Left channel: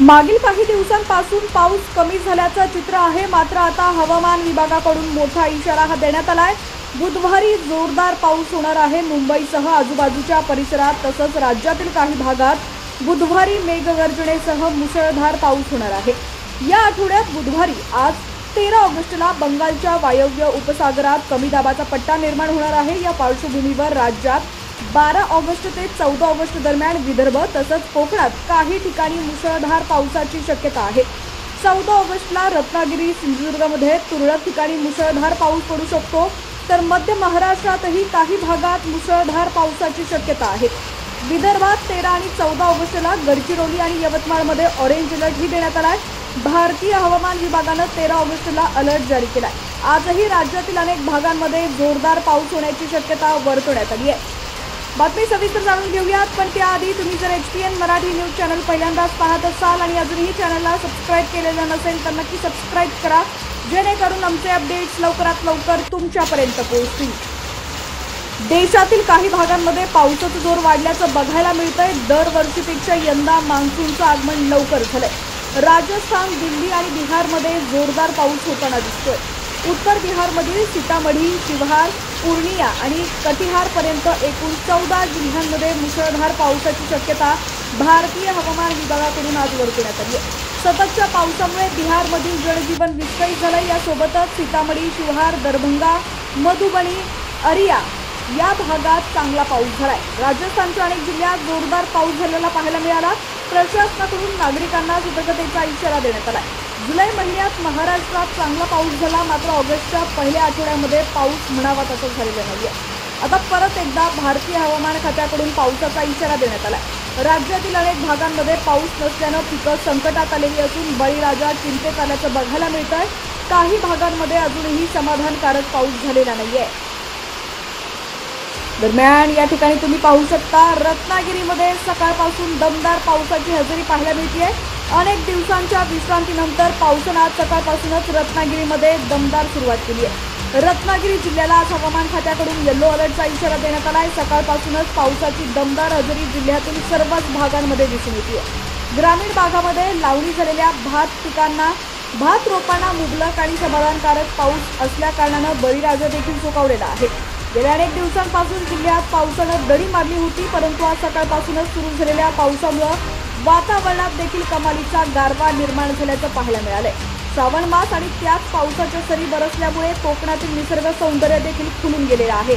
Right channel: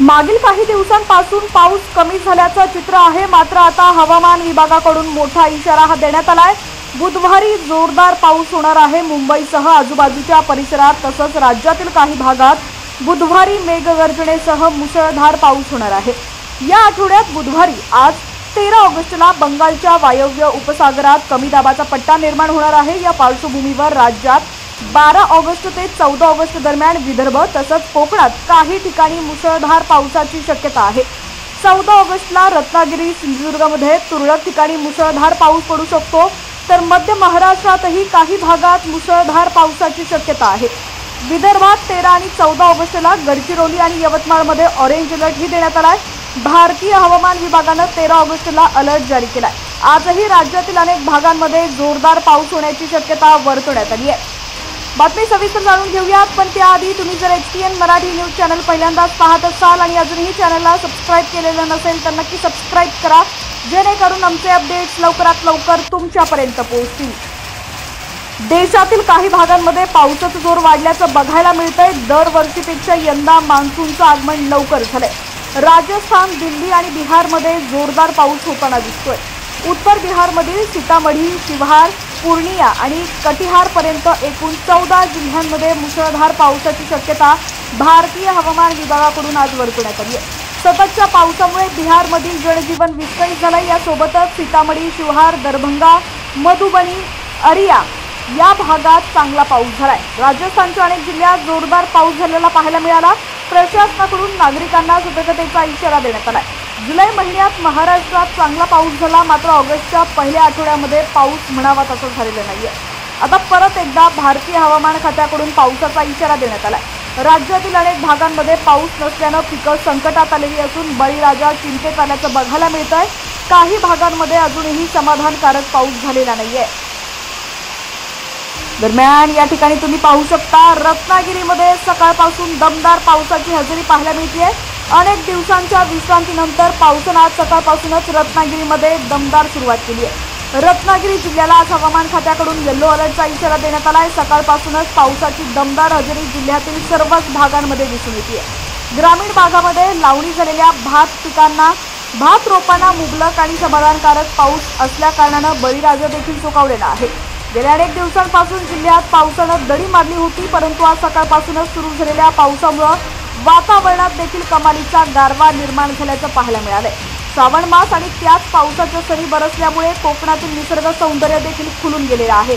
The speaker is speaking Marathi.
मागील काही दिवसांपासून पाऊस कमी झाल्याचं चित्र आहे। मात्र आता हवामान विभागाकडून मोठा इशारा देण्यात आलाय। बुधवारी जोरदार पाऊस होणार आहे। मुंबईसह आजूबाजूच्या परिसरात तसंच राज्यातील काही भागात बुधवारी मेघगर्जनेसह मुसळधार पाऊस होणार आहे। या आठवड्यात बुधवारी आज 13 ऑगस्टला बंगालच्या वायव्य उपसागरात कमी दाबाचा पट्टा निर्माण होणार आहे। या पार्श्वभूमीवर राज्यात 12 ऑगस्ट ते 14 ऑगस्ट दरम्यान विदर्भ तसंच कोकणात काही ठिकाणी मुसळधार पावसाची शक्यता आहे। 14 ऑगस्टला रत्नागिरी सिंधुदुर्गमध्ये तुरळक ठिकाणी मुसळधार पाऊस पडू शकतो, तर मध्य महाराष्ट्रातही काही भागात मुसळधार पावसाची शक्यता आहे। विदर्भात 13 आणि 14 ऑगस्टला गडचिरोली आणि यवतमाळमध्ये ऑरेंज अलर्ट ही देण्यात आलाय। भारतीय हवामान विभागाने 13 ऑगस्टला अलर्ट जारी केलाय। आजही राज्यातील अनेक भागांमध्ये जोरदार पाऊस होण्याची शक्यता वर्तवण्यात आली आहे। बातमी सविस्तर जाणून घेऊयात, पण त्याआधी तुम्ही जर HPN मराठी न्यूज चॅनल पहिल्यांदाच पाहत असाल आणि अजूनही चॅनलला सबस्क्राइब केलेलं नसेल तर नक्की सबस्क्राइब करा, जेणेकरून आमचे अपडेट्स लवकरात लवकर तुमच्यापर्यंत पोहोचतील। देशातील काही भागांमध्ये पावसाचा जोर वाढल्याचं बघायला मिळतंय। दरवर्षीपेक्षा यंदा मान्सूनचं आगमन लवकर झालंय। राजस्थान, दिल्ली आणि बिहारमध्ये जोरदार पाऊस होताना दिसतोय। उत्तर बिहारमधील सीतामढी, शिवहार, पूर्णिया आणि कटिहार पर्यंत एकूण 14 जिल्ह्यांमध्ये मुसळधार पावसाची शक्यता भारतीय हवामान विभागाकडून आज वर्तवण्यात आली आहे। सततच्या पावसामुळे बिहारमधील जनजीवन विस्कळीत झालंय। यासोबतच सीतामढी, शिवहार, दरभंगा, मधुबनी, अरिया या भागात चांगला पाऊस झालाय। राजस्थानच्या अनेक जिल्ह्यात जोरदार पाऊस झालेला पाहायला मिळाला। प्रशासनाकडून नागरिकांना सतर्कतेचा इशारा देण्यात आलाय। जुलै महिन्यात महाराष्ट्रात चांगला पाऊस झाला, मात्र ऑगस्टच्या पहिल्या आठवड्यामध्ये पाऊस म्हणावा तसा झालेला नाहीये। आता परत एकदा भारतीय हवामान खात्याकडून पावसाचा इशारा देण्यात आलाय। राज्यातील अनेक भागांमध्ये पाऊस नसल्यानं पिकं संकटात आलेली असून बळीराजा चिंतेत आल्याचं बघायला मिळतंय। काही भागांमध्ये अजूनही समाधानकारक पाऊस झालेला नाहीये। दरम्यान या ठिकाणी तुम्ही पाहू शकता, रत्नागिरीमध्ये सकाळपासून दमदार पावसाची हजेरी पाहायला मिळतेय। अनेक दिवसांच्या विश्रांतीनंतर पावसानं आज सकाळपासूनच रत्नागिरीमध्ये दमदार सुरुवात केली आहे। रत्नागिरी जिल्ह्याला आज हवामान खात्याकडून येलो अलर्टचा इशारा देण्यात आलाय। सकाळपासूनच पावसाची दमदार हजेरी जिल्ह्यातील सर्वच भागांमध्ये दिसून येते। ग्रामीण भागामध्ये लावणी झालेल्या भात रोपांना मुबलक आणि समाधानकारक पाऊस असल्या कारणानं बळीराजा देखील सुकावलेला आहे। गेल्या अनेक दिवसांपासून जिल्ह्यात पावसानं दडी मारली होती, परंतु आज सकाळपासूनच सुरू झालेल्या पावसामुळे वातावरणात देखील कमालीचा गारवा निर्माण झाल्याचं पाहायला मिळालंय। श्रावण मास आणि त्याच पावसाच्या सरी बरसल्यामुळे कोकणातील निसर्ग सौंदर्य देखील खुलून गेलेलं आहे।